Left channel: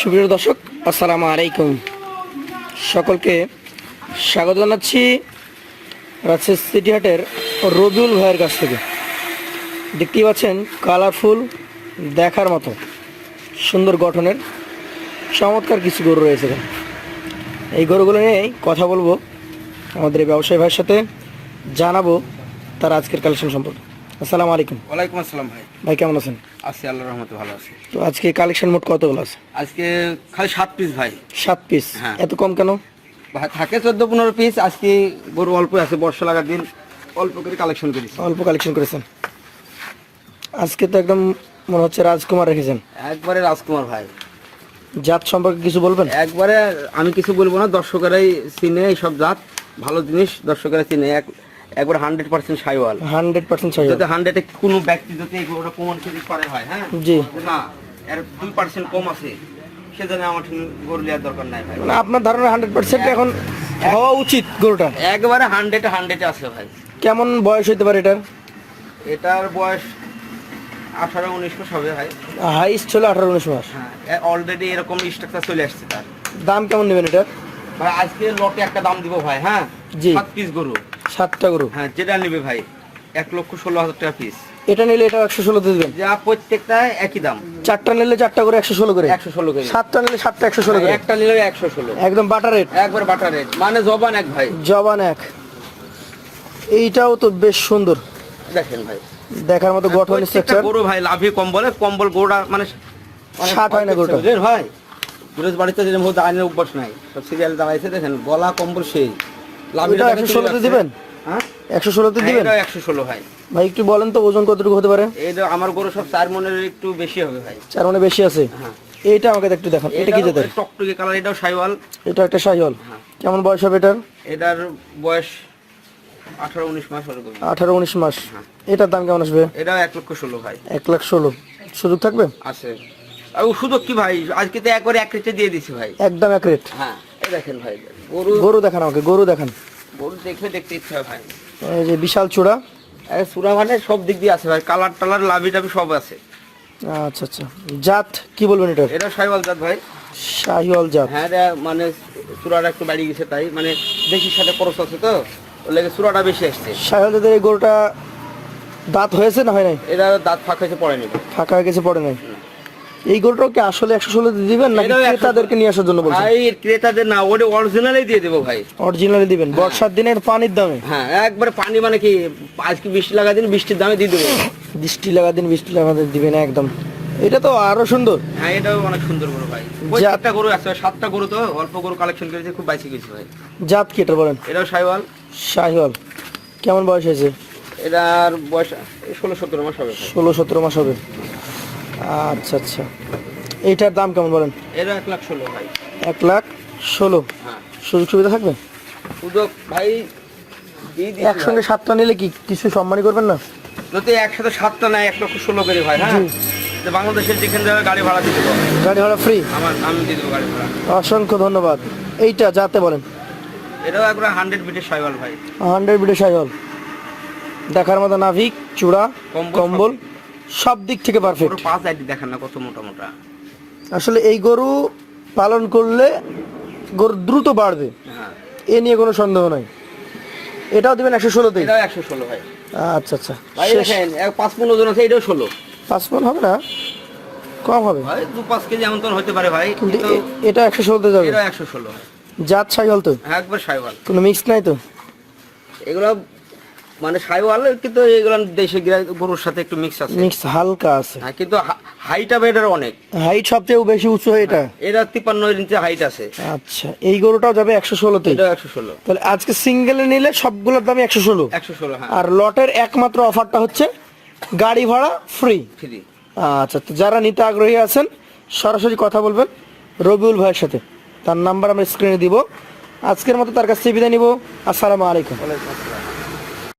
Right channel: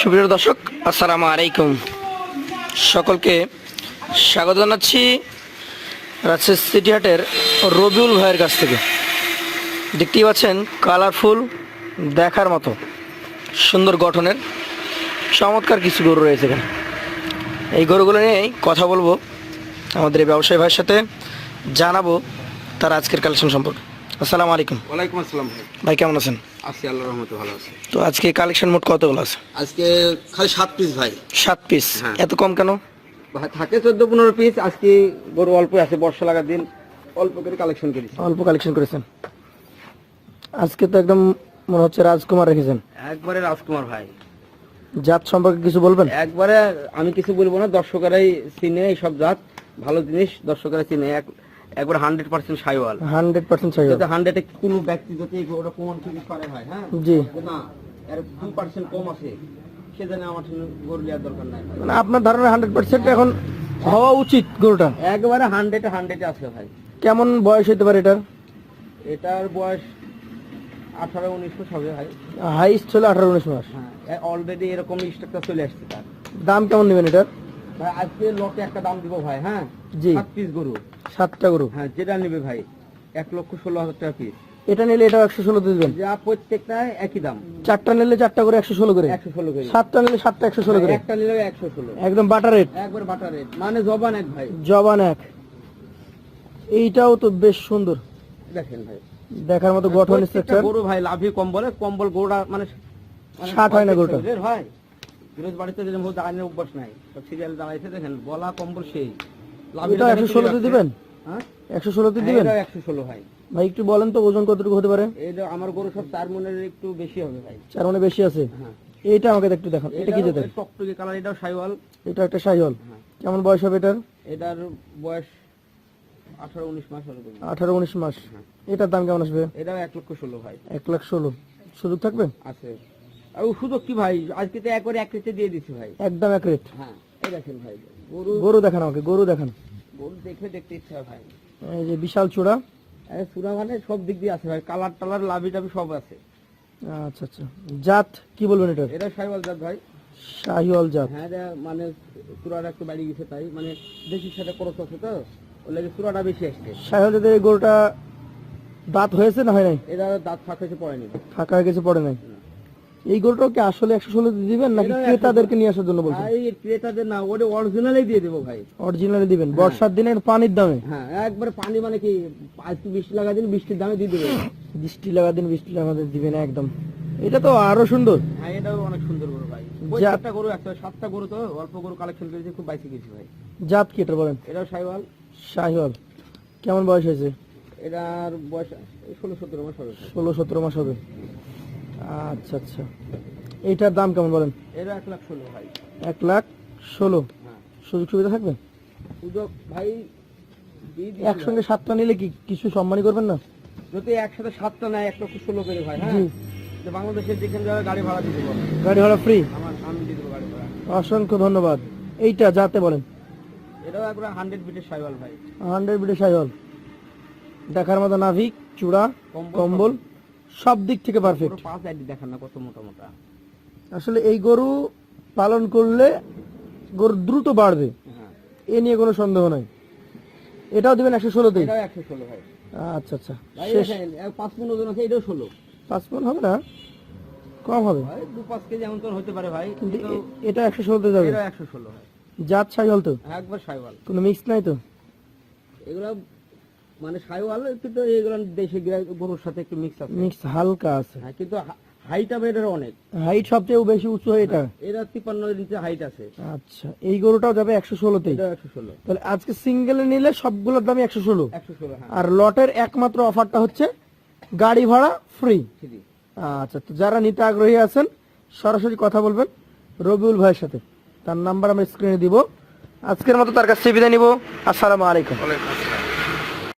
সুপ্রিয় দর্শক, আসসালামু আলাইকুম। সকলকে স্বাগত জানাচ্ছি রাজশাহী সিটি হাটের রবিউল ভাইয়ের কাছ থেকে। দেখতেই পাচ্ছেন, কালারফুল দেখার মতো সুন্দর গঠনের চমৎকার কিছু গরু রয়েছে এখানে। এই গরুগুলো নিয়েই কথা বলব। আমাদের এই ব্যবসায়ী ভাইয়ের সাথে জানাব তার আজকের কালেকশন সম্পর্কে। আসসালামু আলাইকুম। ওয়ালাইকুম আসসালাম ভাই। ভাই কেমন আছেন? আছি আল্লাহ রহমতে ভালো আছি। তো আজকে কালেকশন মোট কতগুলো আছে? আজকে খালি সাত পিস ভাই। সাত পিস হ্যাঁ। এত কম কেন? থাকে চোদ্দ পনেরো পিস আজকে গরু অল্প আছে বর্ষা লাগার দিন অল্প করে কালেকশন করেছি। অল্প কালেকশন করেছেন। আজকে তো একদম মনে হচ্ছে রাজকুমার রেখেছেন একবারে রাজকুমার ভাই। জাত সম্পর্কে কিছু বলবেন? একবারে আমি কিছু বলব না দর্শকেরাই চিনে এইসব জাত ভালো জিনিস দর্শকেরা চিনে। এক একবার hundred percent Sahiwal. Hundred percent চাই যাতে হান্ড্রেডে কোনো ব্যক্তি যদি গরুটা প্রমাণ করে পারে হয় হ্যাঁ? জি। না এর দুই পার্সেন্ট কম আছে সে জানে আমার গরু নেওয়ার দরকার নাই ভাই। মানে আপনার ধারণা হান্ড্রেড পার্সেন্ট এখন হওয়া উচিত গরুটা? একবারে হান্ড্রেড হান্ড্রেডে আছে ভাই। কেমন বয়স হতে পারে এটার? এটার বয়স আঠারো উনিশ মাস হবে ভাই। হাইস্ট ছিল আঠারো উনিশ মাস। হ্যাঁ অলরেডি এরকম স্ট্রাকচার চলে আসছে তার। দাম কেমন নেবেন এটার? ভাই আজকে লটে একটা দাম দিব ভাই হ্যাঁ? জি। সাত পিস গরু। সাতটা গরু? হ্যাঁ যেটা নেবে ভাই এক লক্ষ ষোলো হাজার টাকা পিস এটা নিলে এটা একশো ষোলোতে দেবেন? যা প্রত্যেকটা একই দাম। চারটা নিলে চারটা করে একশো ষোলো করে? একশো ষোলো করে। সাতটা নিলে সাতটা একশো ষোলো করে? একটা নিলে একশো ষোলো। একদম বাটার রেট একবার বাটার রেট মানে জবান এক ভাই। জবান এক। এইটাও তো বেশ সুন্দর। দেখেন ভাই। দেখার মতো গঠন স্ট্রাকচার গরু ভাই লাভি কম্বলে কম্বল গরুটা মানে ষাট হয় না ভাই রোজ বাড়িতে যেরকম আইনের অভ্যাস নাই সব সিরিয়াল দাঁড়াইছে দেখেন গলা কম্বল সেই। এটা একশো ষোলোতে দিবেন? হ্যাঁ? একশো ষোলোতে দিবেন? একশো ষোলো ভাই। ভাই একটু বলেন তো ওজন কতটুকু হতে পারে? আমার গরু সব চার মনের একটু বেশি হবে ভাই। চার মানে বেশি আছে? হ্যাঁ। এইটা আমাকে একটু দেখান। এটা কি যেতে টকটকে কালার এটাও সাইওয়াল। এটা একটা হ্যাঁ। কেমন বয়স হবে এটার? এটার বয়স আঠারো উনিশ মাস আঠারো উনিশ মাস। হ্যাঁ। এটার দাম কেমন আসবে? এটাও এক লক্ষ ষোলো ভাই। এক লাখ ষোলো। সুযোগ থাকবে? আছে। আর সুযোগ কি ভাই? আজকে তো একবারে এক রেটে দিয়ে দিছি ভাই। একদম এক রেট। হ্যাঁ। দেখেন ভাই। গরু গরু দেখান আমাকে গরু দেখান। গরু দেখলে দেখতে ইচ্ছা হয় ভাই। এই যে বিশাল চূড়া। সুরা মানে সব দিক দিয়ে আছে ভাই। কালার টালার লাভি টাভি সব আছে। আচ্ছা আচ্ছা। জাত কি বলবেন এটার? এটা সাইওয়াল জাত ভাই। শাহিওয়াল জাত। হ্যাঁ এটা মানে চূড়াটা একটু বাড়ি গেছে তাই। মানে দেখির সাথে খরচ আছে তো। ওর লেগে চূড়াটা বেশি আসছে। শাহিওয়াল জাতের এই গরুটা দাঁত হয়েছে না হয় নাই? এটা দাঁত ফাঁক হয়েছে পড়ে নিবে ফাঁকা হয়ে গেছে পড়ে নাই? এই গরুটাও কি আসলে একশো ষোলোতে দিবেন নাকি এটাও 116 ক্রেতাদেরকে নিয়ে আসার জন্য বলছেন? ভাই ক্রেতাদের না ওটা অরিজিনালই দিয়ে দেবো ভাই। অরিজিনালি দিবেন। বর্ষার দিনের পানির দামে? হ্যাঁ একবারে পানি মানে কি আজকে বৃষ্টি লাগা দিন বৃষ্টির দামে দিয়ে দেবো। বৃষ্টি লাগা দিন বৃষ্টি লাগাতে দিবেন একদম। এটা তো আরও সুন্দর। হ্যাঁ এটাও অনেক সুন্দর গরু ভাই। প্রত্যেকটা গরু আছে সাতটা গরু তো অল্প গরু কালেকশন করেছে খুব বাইসি গেছে ভাই। জাত কি এটা বলেন? এটাও সাইওয়াল। শাহিওয়াল কেমন বয়স হয়েছে? এটার বয়স ষোলো সতেরো মাস হবে ষোলো সতেরো মাস হবে। আচ্ছা আচ্ছা। এইটার দাম কেমন বলেন? এটা এক লাখ ষোলো ভাই। এক লাখ ষোলো। হ্যাঁ। সুযোগ সুবিধা থাকবে? সুযোগ ভাই একসঙ্গে সাতটা নিলে কি কিছু সম্মানই করবেন না? যদি একসাথে সাতটা নেয় এক লক্ষ ষোলো করে ভাই হ্যাঁ? যে বাংলাদেশের যেখানে যাবে গাড়ি ভাড়া দিয়ে দেবো। গাড়ি ভাড়া ফ্রি আমার আমি দিয়ে দেবো গাড়ি ভাড়া। অসংখ্য ধন্যবাদ। এইটা যাতে বলেন। এটাও একবার হান্ড্রেড বিটের সাইওয়াল ভাই। হান্ড্রেড বিডে সাইহল দেখার মতো নাভিক চূড়া কম্বল সব দিক থেকে পারফেক্ট পুরো পাঁচ আইডি দেখেন না কত মোটা মোটা। আসলে এই গরু পালন করলে গরু দ্রুত বাড়বে। হ্যাঁ। এ নিয়ে কোনো সন্দেহ নাই। এটাও দিবেন একশো ষোলোতেই এটাও একশো ষোলো ভাই। আচ্ছা আচ্ছা। ভাই দেখেন পাঁচ পনেরো ওজন আছে এটাও ষোলো। পাঁচ মন হবে না? কম হবে। ভাই দু পাঁচ কেজি এমন তো হতে পারে ভাই। কিন্তু এটা একশো ষোলোতে যাবে। এটাও একশো ষোলো। জাত সাইহল তো? হ্যাঁ, একবার সাইওয়াল কোনো মিক্স নাই তো? এগুলো মানে সাইওয়াল কিন্তু এগুলো দেশে গরুর সাথে একটু মিক্স আছে। মিক্স হালকা আছে। হ্যাঁ কিন্তু হাইট হবে এটার অনেক। হাইট সবচেয়ে বেশি উঁচু হয় এটা? এটা তিপ্পান্ন ইঞ্চি হাইট আছে। আচ্ছা এই গরুটাও যাবে একশো ষোলোতেই এটাও একশো ষোলো। তাহলে আজকে সিঙ্গেলে নিলে সবগুলোর ষোলো? একশো ষোলো হ্যাঁ। আর লটের একমাত্র অফারটা হচ্ছে গাড়ি ভাড়া ফ্রি ফ্রি আচ্ছা তো যারা নিতে আগ্রহী আছেন সরাসরি কথা বলবেন রবিউল ভাইয়ের সাথে। তার নাম্বার আমরা স্ক্রিনে দিব। আজকের মতো তার কাছ থেকে বিদায় নিব। আসসালামু আলাইকুম। ওয়ালাইকুম আসসালাম।